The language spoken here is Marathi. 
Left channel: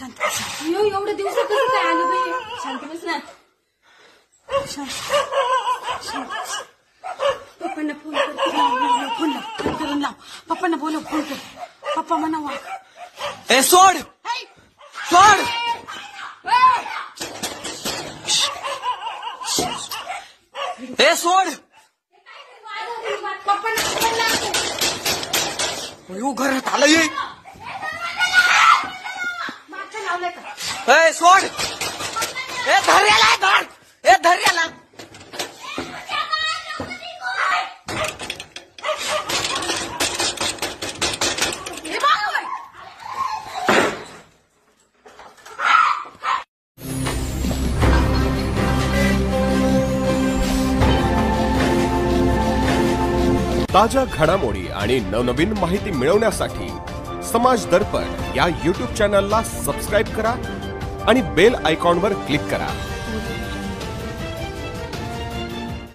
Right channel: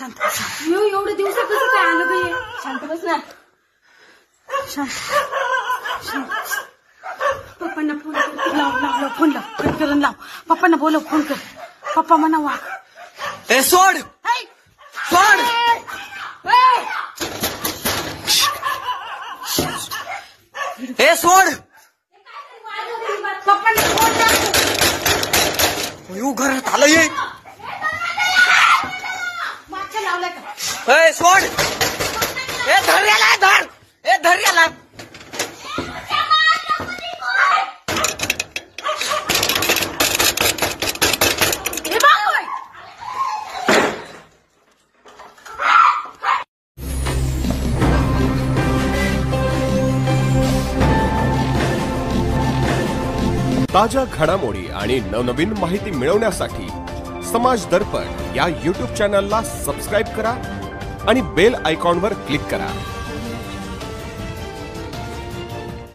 शांत एवढे दिवस कसं काय आलं बाई शांत बस ना शांत पप्पांना फोन लाव फोन लाव करून लाव पप्पांना बोलव फोन कर पप्पा म्हणा वा ए सोड सोड ए सोड पप्पांना फोन लाव घरात आलं ये मागच्या लावलाय का ए सोड ए धर याला धर ए धर याला ताज्या घडामोडी आणि नवनवीन माहिती मिळवण्यासाठी समाज दर्पण या YouTube चॅनलला सबस्क्राइब करा आणि बेल आयकॉनवर क्लिक करा।